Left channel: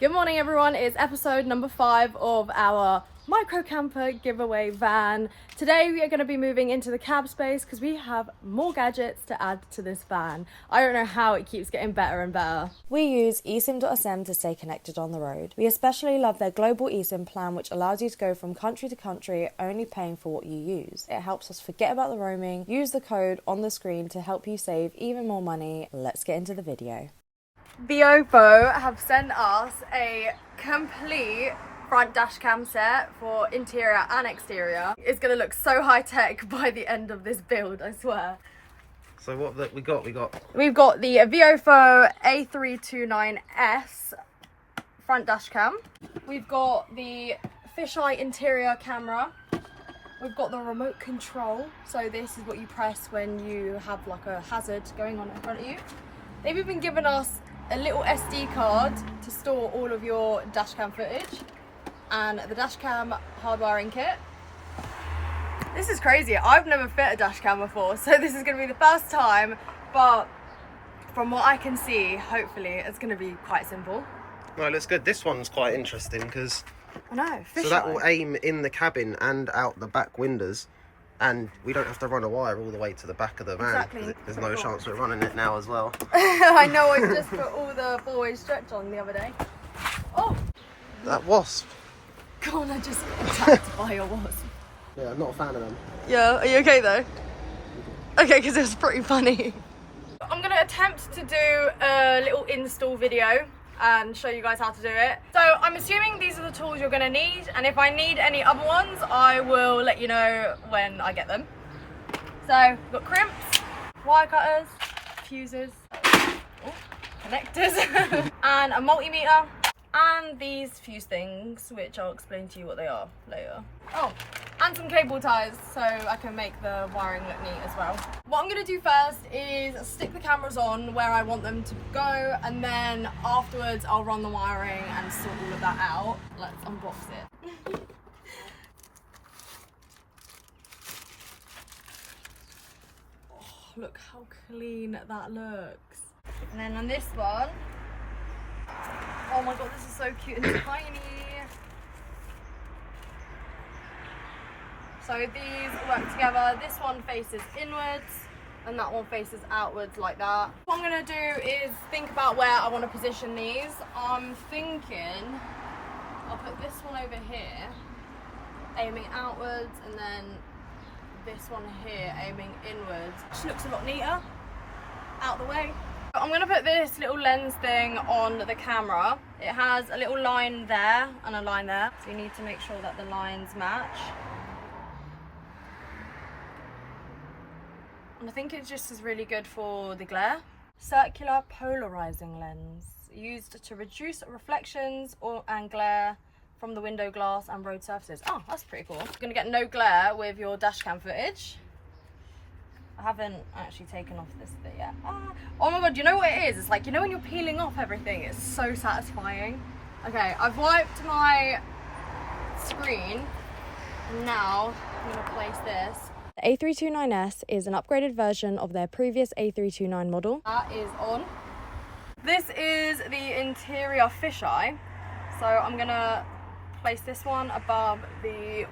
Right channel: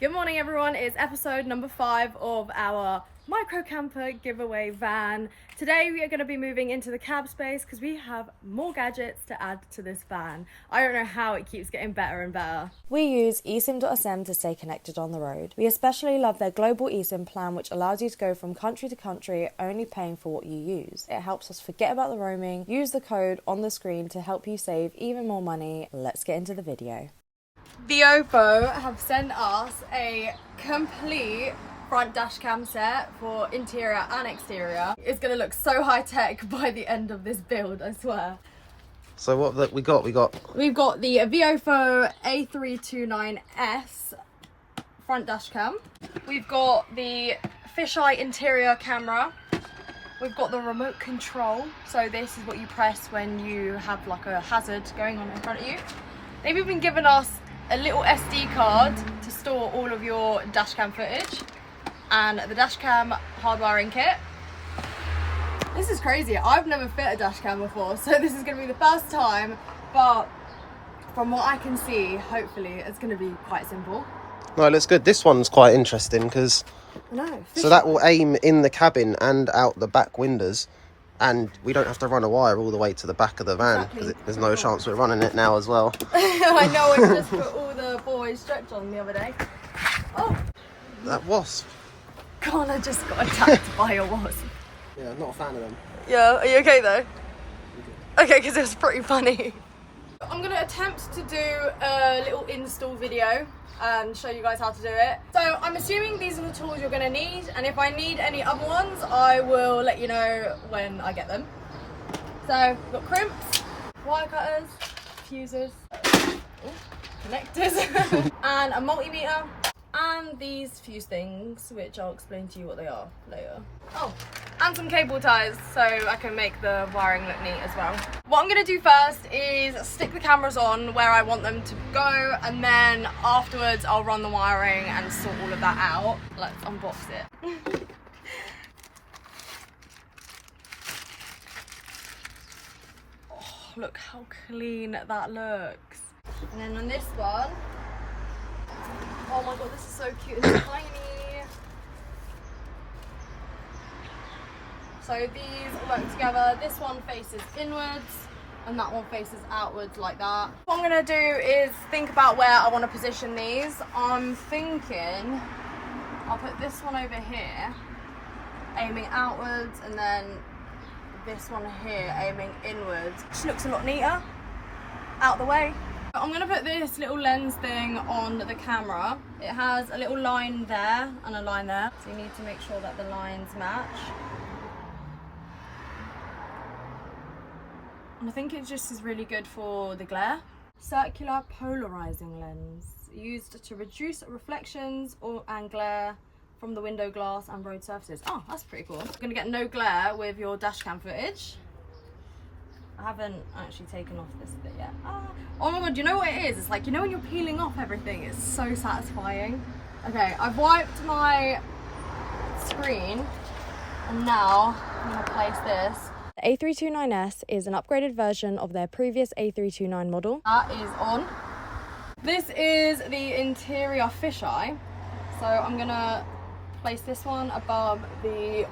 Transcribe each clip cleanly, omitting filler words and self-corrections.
Good morning everyone, it's episode number 5 of our micro camper giveaway van. Today we are going to be moving into the cab space because we have more gadgets to add to this van. I don't know how it keeps getting better and better. We use eSIM.sm to stay connected on the road. We especially love their global eSIM plan, which allows you to go from country to country only paying for what you use. It helps us forget about the roaming. Use the code on the screen to help you save even more money. Let's get into the video. VIOFO have sent us a complete front dash cam set for interior and exterior. It's going to look so high tech by the end of this build, I swear. So what we got? We've got the VIOFO A329S front dash cam. We've got the fisheye interior camera. We've got the remote control. So this is what you press when you have like a hazard going on in front of you. They've even given us a little SD card to store all of your dashcam footage and the dashcam hardwiring kit. This is crazy. I've never fit a dashcam before, so this is going to be the first time, but from what I can see, hopefully it's going to be quite simple. No, it looks good. This one's quite interesting because I know. So that will aim in the cabin and out the back windows, and we don't have to run a wire all the way to the back of the van. Exactly. There's no chance we're running it now as well. I know, I just put all the boys stretch on the other day. Oh! That wasp. Come on, I just got attacked by a wasp. Yeah, not a fan of them. Yeah, are you okay though? Okay, because it was pretty funny. I'm going to attempt to do a little install video and show you guys how to do it. So I'm assuming these are the tools you're going to need, and if I need any other ones I will let you know when I get them. So we've got crimps, wire cutters, fuses, connectors and a multimeter, and these fuse things which I'll explain to you what they are later. Oh, and some cable ties so I can make the wiring look neat as well. What I'm going to do first is stick the cameras on where I want them to go, and then afterwards I'll run the wiring and sort all of that out. Let's unbox it. Oh, look how clean that looks. And then on this one, oh my god, this is so cute and tiny. So these work together. This one faces inwards and that one faces outwards like that. What I'm gonna do is think about where I want to position these. I'm thinking I'll put this one over here, aiming outwards, and then this one here, aiming inwards. Which looks a lot neater, out the way. I'm gonna put this little lens thing on the camera. It has a little line there and a line there. So you need to make sure that the lines match. And I think it just is really good for the glare. Circular polarizing lens, used to reduce reflections and glare from the window glass and road surfaces. Oh, that's pretty cool. You're gonna get no glare with your dashcam footage. I haven't actually taken off this bit yet. Oh my god, you know what it is? It's like, you know when you're peeling off everything, it's so satisfying. Okay, I've wiped my screen and now I'm gonna place this. The A329S is an upgraded version of their previous A329 model. That is on. This is the interior fisheye. So I'm gonna place this one above the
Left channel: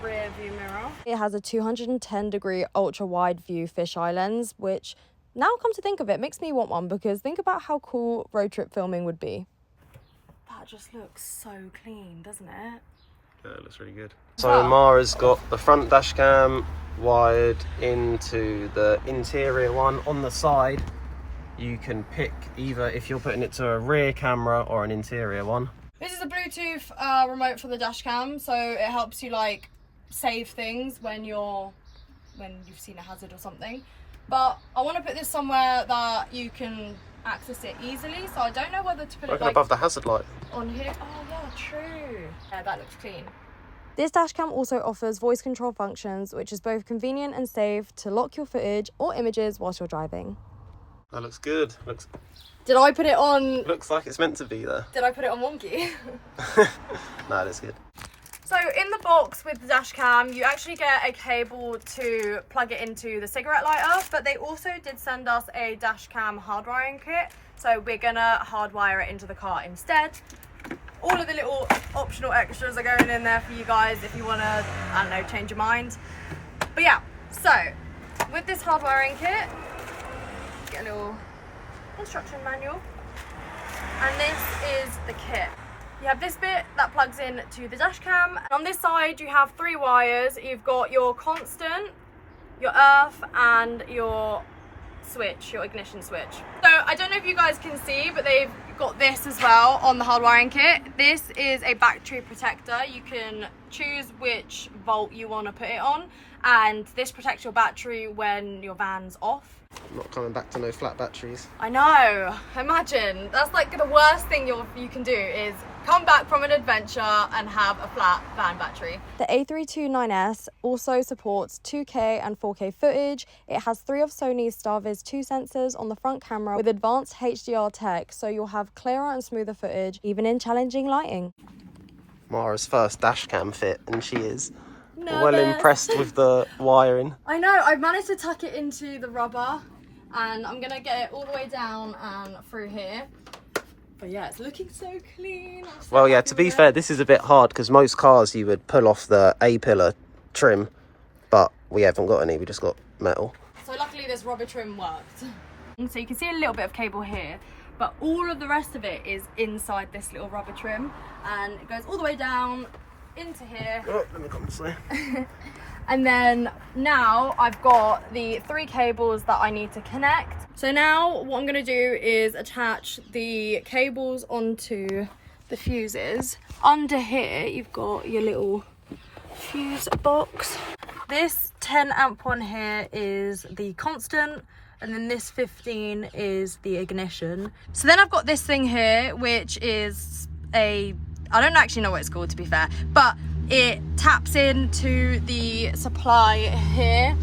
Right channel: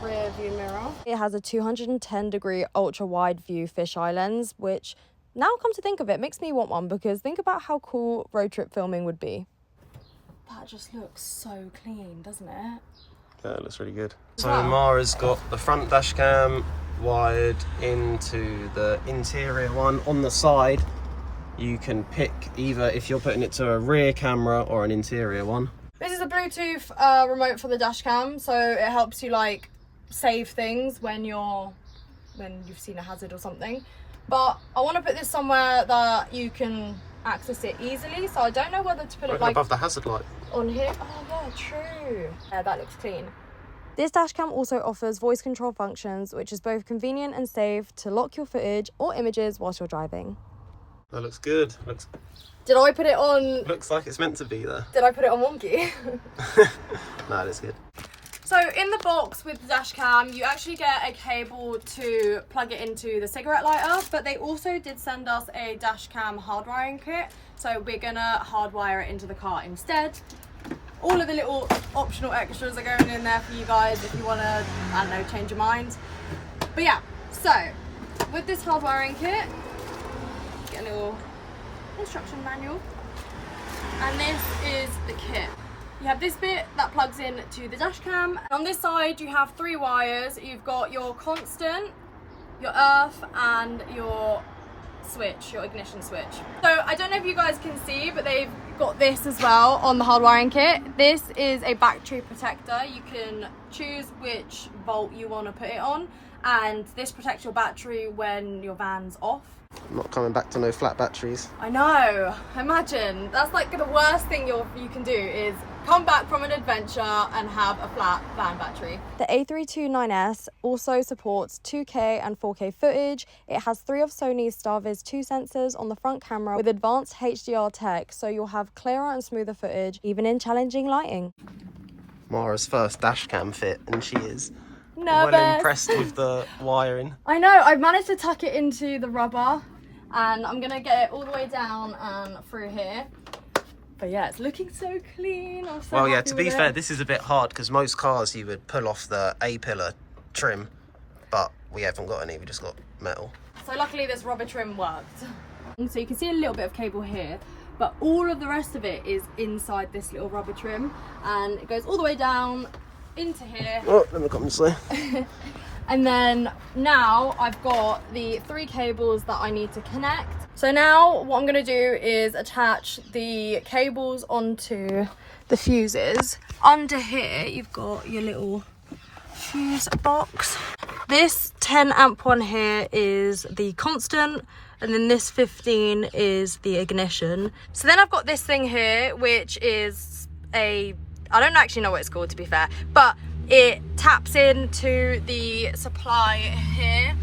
rear view mirror. It has a 210-degree ultra-wide view fisheye lens, which, now come to think of it, makes me want one, because think about how cool road trip filming would be. That just looks so clean, doesn't it? Yeah, it looks really good. So Mara's got the front dash cam wired into the interior one on the side. You can pick either if you're putting it to a rear camera or an interior one. This is a Bluetooth remote for the dash cam, so it helps you like save things when you've seen a hazard or something. But I want to put this somewhere that you can access it easily, so I don't know whether to put it like above the hazard light on here. Oh yeah, true. Yeah, that looks clean. This dashcam also offers voice control functions, which is both convenient and safe to lock your footage or images whilst you're driving. That looks good. Did I put it on? Looks like it's meant to be there. Did I put it on wonky? No, that's good. So in the box with the dash cam, you actually get a cable to plug it into the cigarette lighter, but they also did send us a dash cam hardwiring kit. So we're gonna hardwire it into the car instead. All of the little optional extras are going in there for you guys if you wanna, I don't know, change your mind. But yeah, so with this hardwiring kit, get a little instruction manual. And this is the kit. You have this bit that plugs in to the dash cam. On this side, you have 3 wires. You've got your constant, your earth, and your switch, your ignition switch. So I don't know if you guys can see, but they've got this as well on the hardwiring kit. This is a battery protector. You can choose which volt you want to put it on, and this protects your battery when your van's off. I'm not coming back to no flat batteries. I know, imagine. That's like the worst thing you can do is come back from an adventure and have a flat van battery. The A329S also supports 2K and 4K footage. It has 3 of Sony's StarViz 2 sensors on the front camera with advanced HDR tech, so you'll have clearer and smoother footage, even in challenging lighting. Mara's first dash cam fit, and she is Nervous. well impressed with the wiring. I know, I've managed to tuck it into the rubber, and I'm gonna get it all the way down and through here. But yeah, it's looking so clean. Well, yeah, to be fair, this is a bit hard because most cars you would pull off the A-pillar trim, but we haven't got any, we just got metal. So luckily this rubber trim worked. So you can see a little bit of cable here, but all of the rest of it is inside this little rubber trim, and it goes all the way down into here. Oh, let me come this way. And then now I've got the 3 cables that I need to connect. So now what I'm gonna do is attach the cables onto the fuses. Under here, you've got your little fuse box. This 10 amp one here is the constant, and then this 15 is the ignition. So then I've got this thing here, which is I don't actually know what it's called, to be fair, but it taps into the supply here.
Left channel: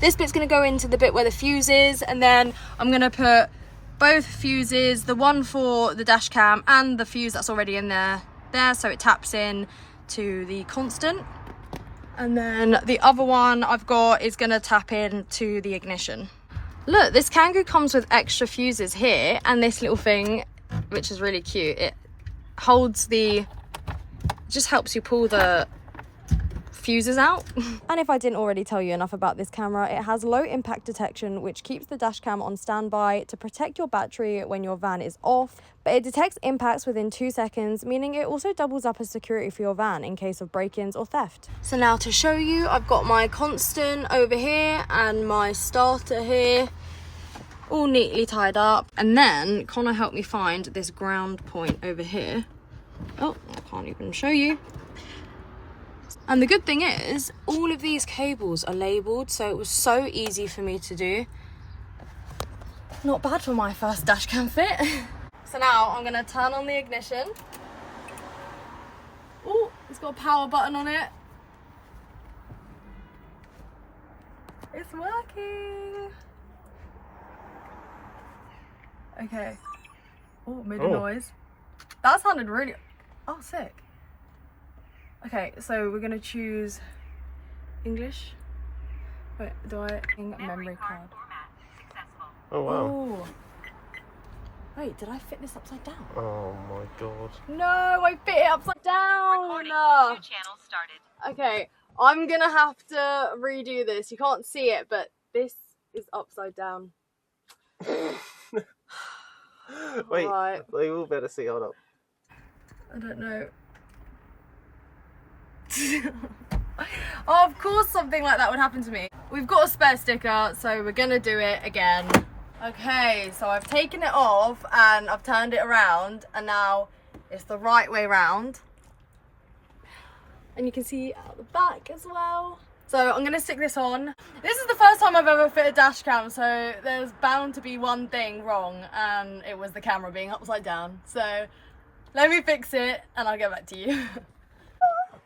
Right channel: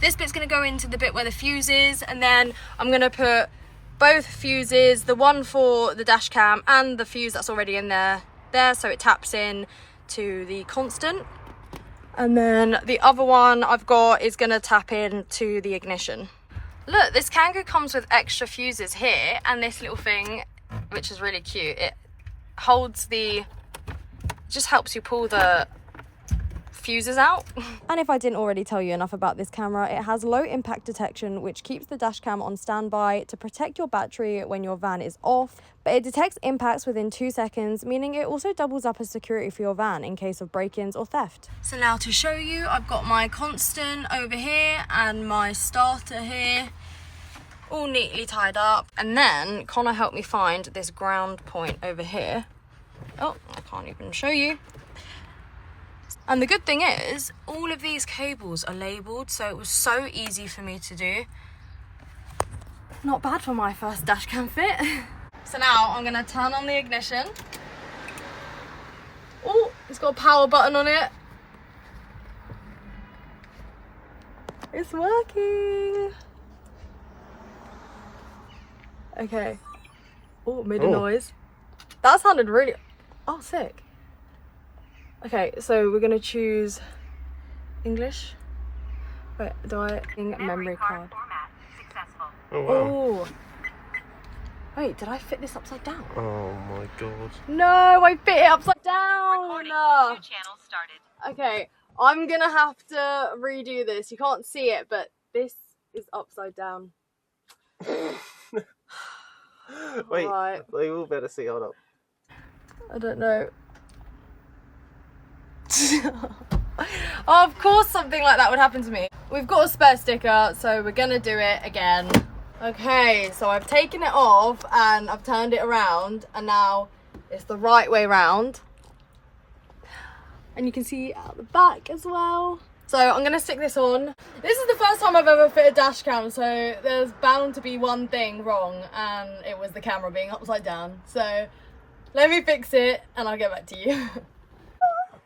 This bit's gonna go into the bit where the fuse is, and then I'm gonna put both fuses, the one for the dash cam and the fuse that's already in there, so it taps in to the constant. And then the other one I've got is gonna tap in to the ignition. Look, this Kangoo comes with extra fuses here, and this little thing, which is really cute, it holds just helps you pull the fuses out. And if I didn't already tell you enough about this camera, it has low impact detection, which keeps the dash cam on standby to protect your battery when your van is off, but it detects impacts within 2 seconds, meaning it also doubles up as security for your van in case of break-ins or theft. So now to show you, I've got my constant over here and my starter here, all neatly tied up. And then Connor helped me find this ground point over here. Oh, I can't even show you. And the good thing is, all of these cables are labelled, so it was so easy for me to do. Not bad for my first dash cam fit. So now I'm gonna turn on the ignition. Oh, it's got a power button on it. It's working. Okay. Oh, made a noise. That sounded really... Oh, sick. Okay, so we're gonna choose English. Wait, do I... Memory card. Format successful. Oh, wow. Oh. Wait, did I fit this upside down? Oh, my God. No, I fit it upside down! Recording 2 channels started. Okay, I'm gonna have to redo this. You can't see it, but this is upside down. Wait, Right. they all better see, hold up. I don't know. Oh, of course something like that would happen to me. We've got a spare sticker, so we're gonna do it again. Okay, so I've taken it off and I've turned it around, and now it's the right way round. And you can see out the back as well. So I'm gonna stick this on. This is the first time I've ever fit a dash cam, so there's bound to be one thing wrong, and it was the camera being upside down. So let me fix it and I'll get back to you.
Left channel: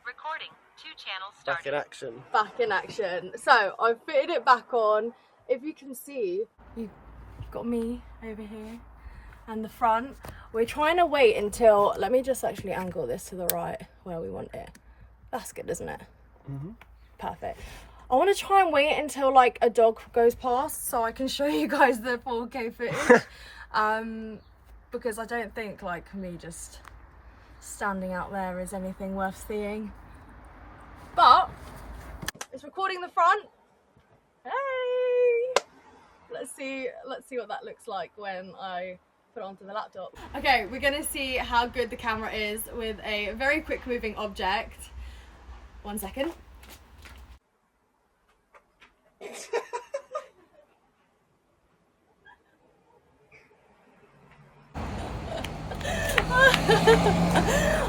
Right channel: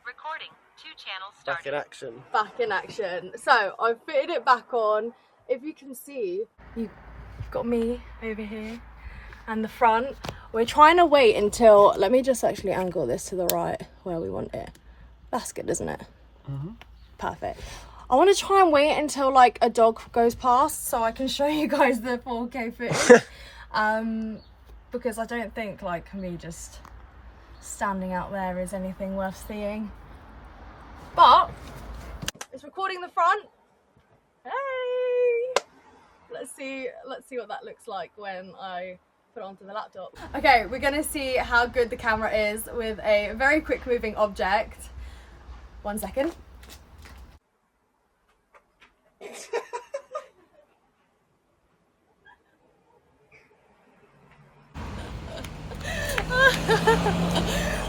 Recording 2 channels started. Back in action. Back in action. So I've fitted it back on. If you can see, you've got me over here and the front. We're trying to wait until, let me just actually angle this to the right where we want it. That's good, isn't it? Perfect. I want to try and wait until like a dog goes past so I can show you guys the 4K footage. Because I don't think like me just standing out there is anything worth seeing. But it's recording the front. Hey! Let's see what that looks like when I put it onto the laptop. Okay, we're gonna see how good the camera is with a very quick moving object. 1 second.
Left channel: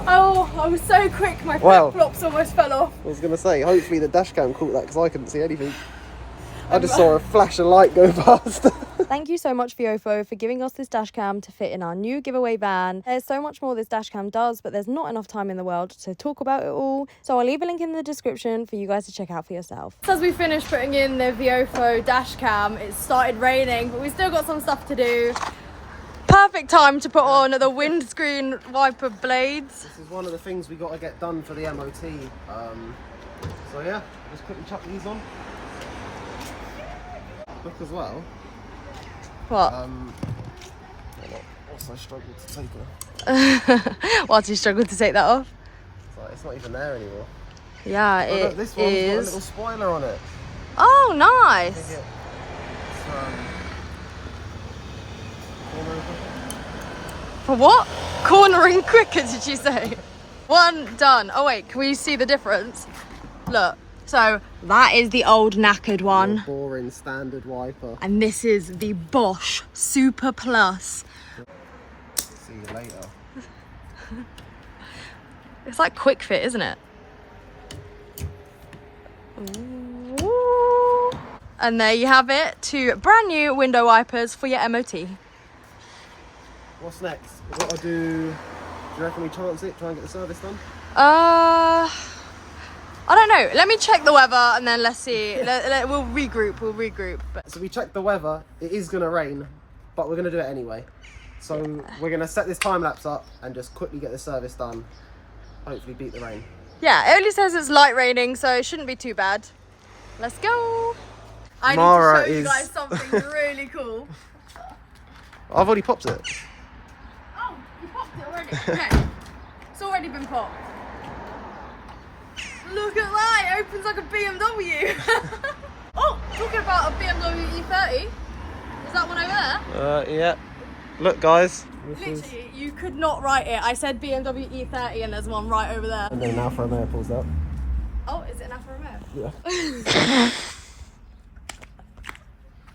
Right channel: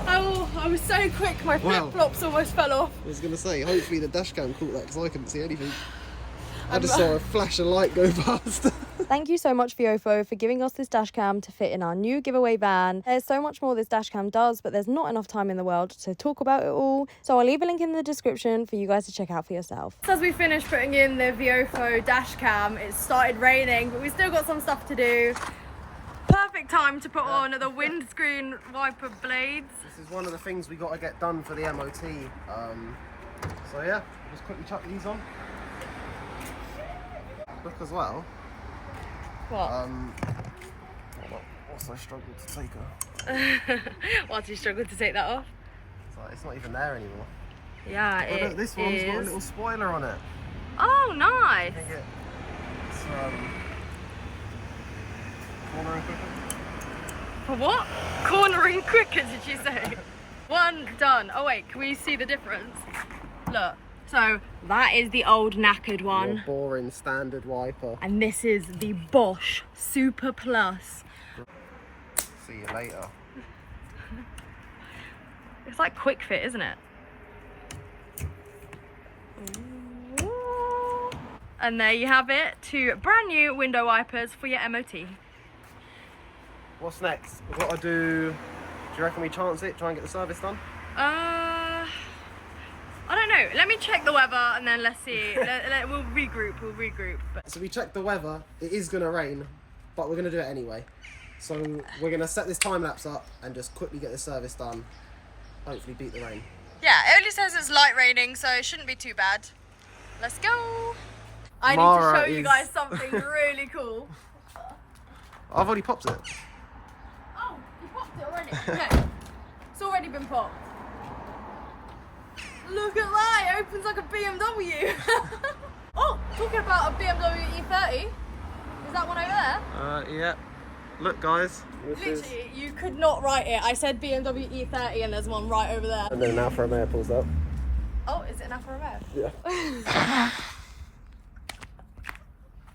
Oh, I was so quick, my flip-flops almost fell off. I was going to say, hopefully the dash cam caught that because I couldn't see anything. I just saw a flash of light go past. Thank you so much, VIOFO, for giving us this dash cam to fit in our new giveaway van. There's so much more this dash cam does, but there's not enough time in the world to talk about it all. So I'll leave a link in the description for you guys to check out for yourself. As we finished putting in the VIOFO dash cam, it started raining, but we still got some stuff to do. Perfect time to put on the windscreen wiper blades. This is one of the things we got to get done for the MOT. So yeah, just quickly chuck these on. Look as well. What? Also struggled to take her. Why do you struggle to take that off? It's not even there anymore. Yeah, Oh, look, this one's got a is. little spoiler on it. Oh, I nice. think it's cornering quicker. For what? Cornering quicker, did you say? One done. Oh wait, can we see the difference? Look. So that is the old knackered one. Your boring standard wiper. And this is the Bosch Super Plus. See you later. It's like quick fit, isn't it? Ooh. And there you have it, 2 brand new window wipers for your MOT. What's next? We've got to do you reckon we chance it, try and get the service done? I don't know. Let me check the weather and then let's see. We'll regroup. But So we checked the weather. It is going to rain, but we're going to do it anyway. So we're going to set this time lapse up and just quickly get the service done. Hopefully beat the rain. yeah, it only says it's light raining, so it shouldn't be too bad. Let's go. I Mara need to show you is- guys something really cool. I've already popped it. Oh, you popped it already? Okay. It's already been popped. Look at that, it opens like a BMW. Oh, talking about a BMW E30. Is that one over there? Yeah. Look, guys. Literally, you could not write it. I said BMW E30 and there's one right over there. And then now for a mayor pulls up. Oh, is it an Alfa Romeo? Yeah.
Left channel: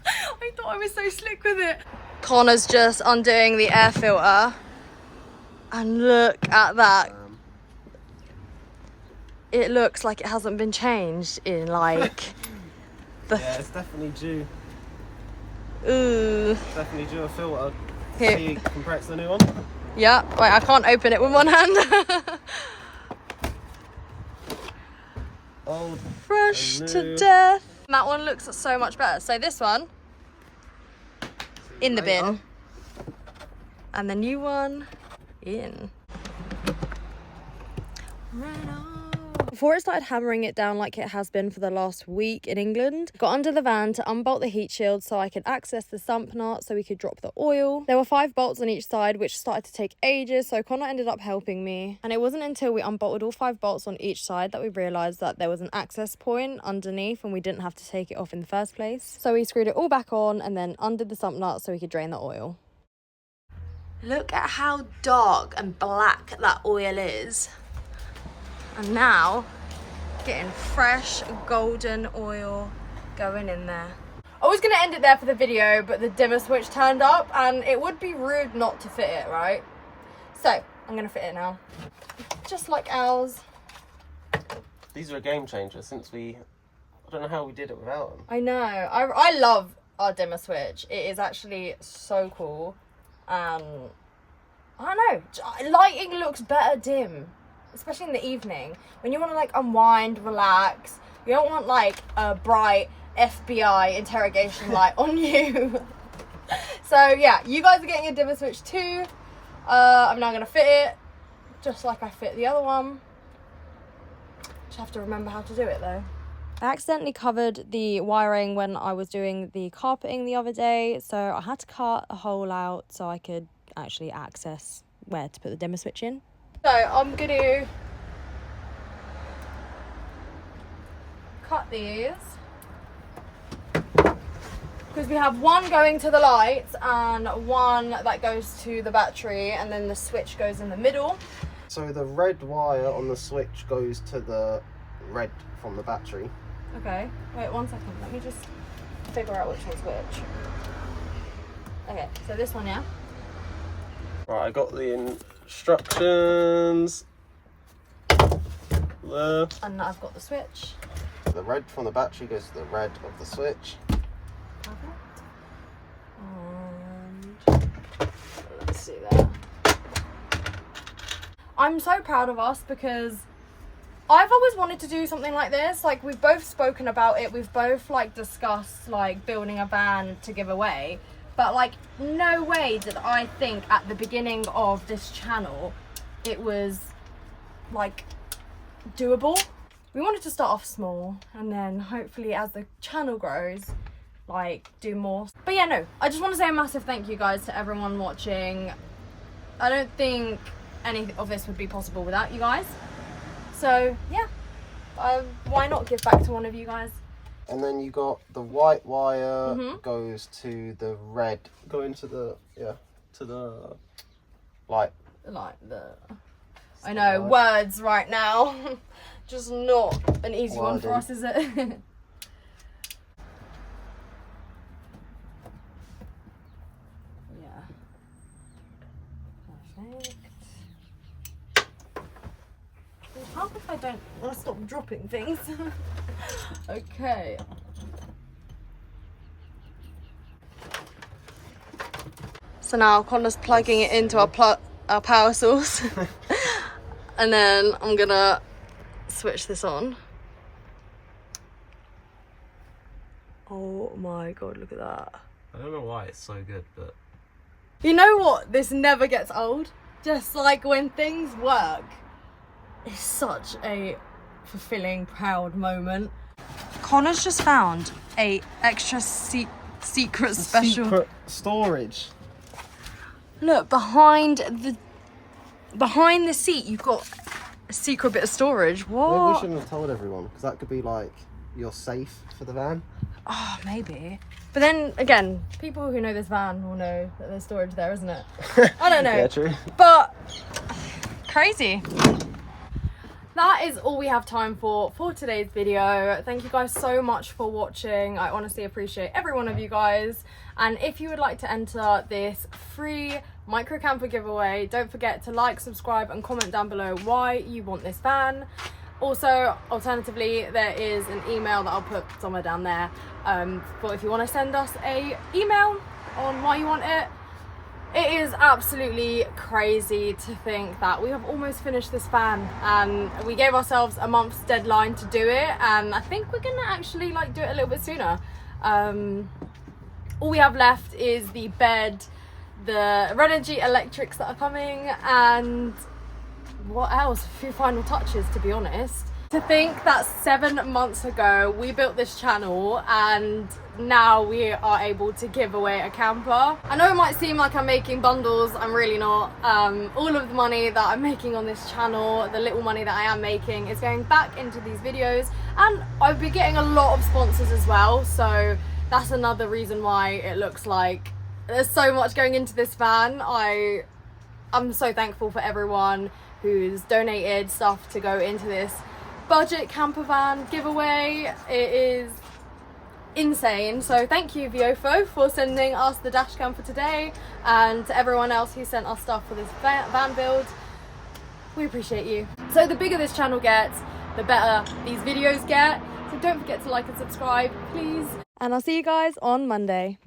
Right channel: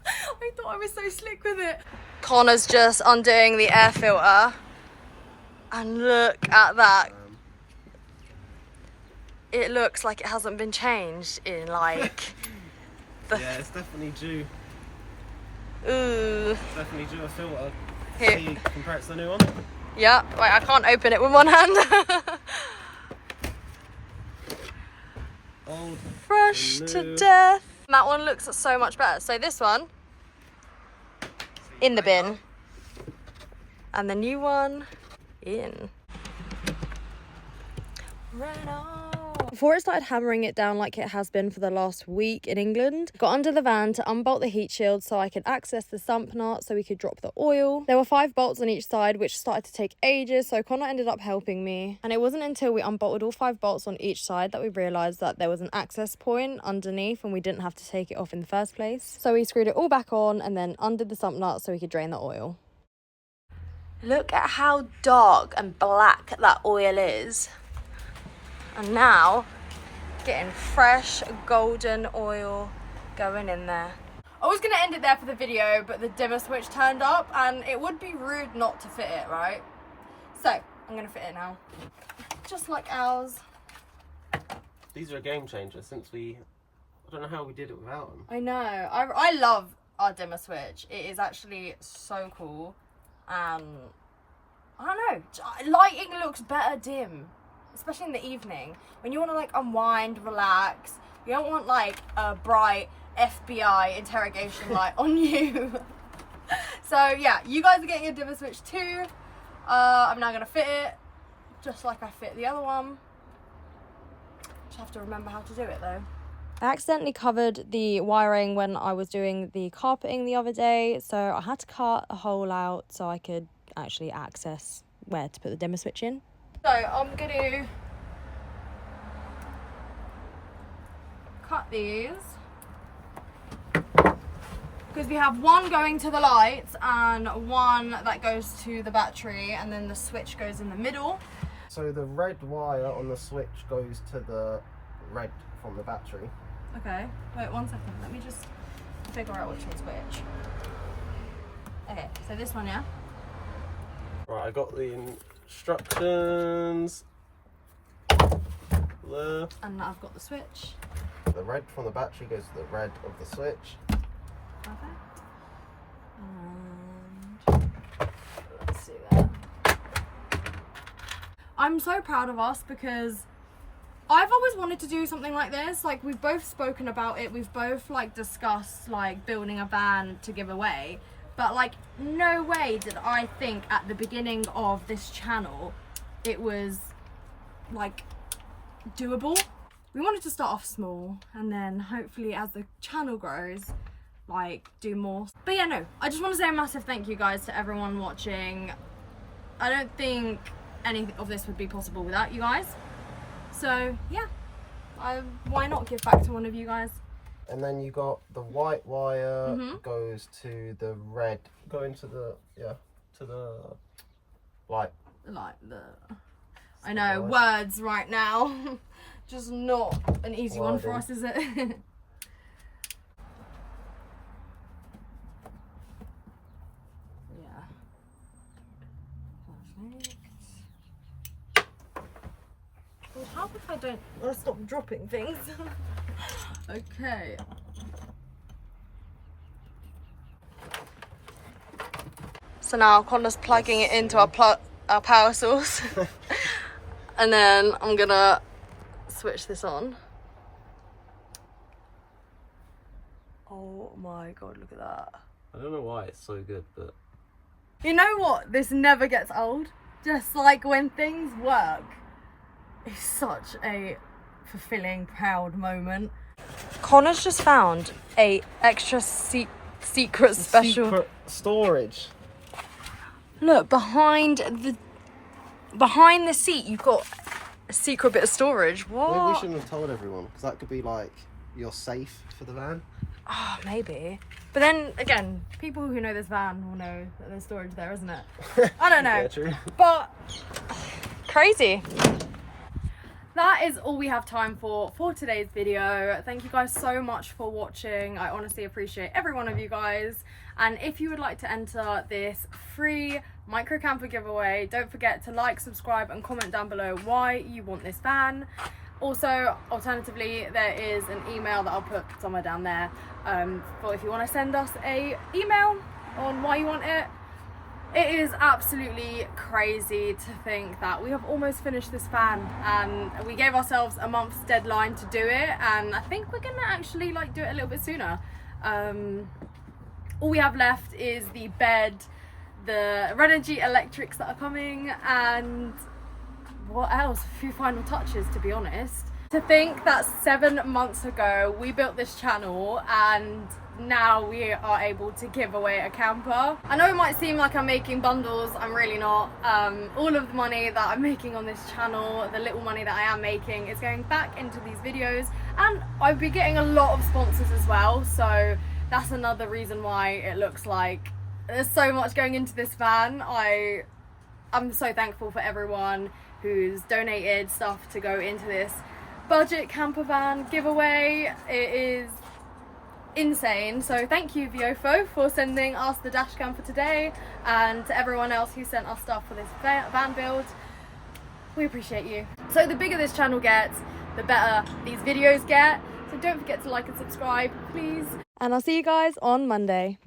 I thought I was so slick with it. Connor's just undoing the air filter. And look at that. It looks like it hasn't been changed in like Yeah, it's definitely due. Ooh. It's definitely due a filter. Here. See, compare it to the new one. Yeah, wait, I can't open it with one hand. Old. Fresh and to new. death. That one looks so much better. So this one in the bin. And the new one in. Right on. Before it started hammering it down like it has been for the last week in England, got under the van to unbolt the heat shield so I could access the sump nut so we could drop the oil. There were 5 bolts on each side, which started to take ages, so Connor ended up helping me. And it wasn't until we unbolted all 5 bolts on each side that we realised that there was an access point underneath and we didn't have to take it off in the first place. So we screwed it all back on and then undid the sump nut so we could drain the oil. Look at how dark and black that oil is. And now, getting fresh golden oil going in there. I was going to end it there for the video, but the dimmer switch turned up and it would be rude not to fit it, right? So, I'm going to fit it now. Just like ours. These are a game changer since I don't know how we did it without them. I know. I love our dimmer switch. It is actually so cool. I don't know. Lighting looks better dim. Especially in the evening, when you want to like unwind, relax. You don't want like a bright FBI interrogation light on you. So yeah, you guys are getting a dimmer switch too. I'm now gonna fit it, just like I fit the other one. Just have to remember how to do it though. I accidentally covered the wiring when I was doing the carpeting the other day, so I had to cut a hole out so I could actually access where to put the dimmer switch in. So I'm going to cut these because we have one going to the lights and one that goes to the battery, and then the switch goes in the middle. So the red wire on the switch goes to the red from the battery. Okay, wait 1 second. Let me just figure out which one's which. Okay, so this one, yeah? Right, I got the instructions. There. And I've got the switch. The red from the battery goes to the red of the switch. Perfect. And let's see there. I'm so proud of us because I've always wanted to do something like this. Like, we've both spoken about it. We've both like discussed like building a van to give away. But like, no way did I think at the beginning of this channel it was like doable. We wanted to start off small and then hopefully as the channel grows, like do more. But yeah, no, I just want to say a massive thank you guys to everyone watching. I don't think any of this would be possible without you guys. So yeah, why not give back to one of you guys? And then you got the white wire goes to the red, going to the to the light. Like I know words right now, just not an easy one for us, is it? Yeah. Perfect. Well, how if I don't want to stop dropping things? Okay. So now Connor's plugging it into our power source. And then I'm gonna switch this on. Oh my god, look at that. I don't know why it's so good, but You know what? This never gets old. Just like when things work, it's such a fulfilling, proud moment. Connor's just found a extra secret special secret storage. Look, behind the seat you've got a secret bit of storage. Maybe we What? shouldn't have told everyone, because that could be like your safe for the van. Oh, maybe. But then again, people who know this van will know that there's storage there, isn't it? I don't know. Yeah, true. But crazy. That is all we have time for today's video. Thank you guys so much for watching. I honestly appreciate every one of you guys. And if you would like to enter this free micro camper giveaway, don't forget to like, subscribe and comment down below why you want this van. Also, alternatively, there is an email that I'll put somewhere down there for if you want to send us a email on why you want it. It is absolutely crazy to think that we have almost finished this van, and we gave ourselves a month's deadline to do it, and I think we're gonna actually like do it a little bit sooner. All we have left is the bed, the Renogy electrics that are coming, and what else? A few final touches, to be honest. To think that 7 months ago we built this channel and now we are able to give away a camper. I know it might seem like I'm making bundles, I'm really not. All of the money that I'm making on this channel, the little money that I am making, is going back into these videos, and I'll be getting a lot of sponsors as well, so that's another reason why it looks like there's so much going into this van. I'm so thankful for everyone who's donated stuff to go into this budget camper van giveaway. It is insane. So thank you VIOFO for sending us the dash cam for today, and to everyone else who sent us stuff for this van build. We appreciate you. So the bigger this channel gets, the better these videos get. So don't forget to like and subscribe, please. And I'll see you guys on Monday.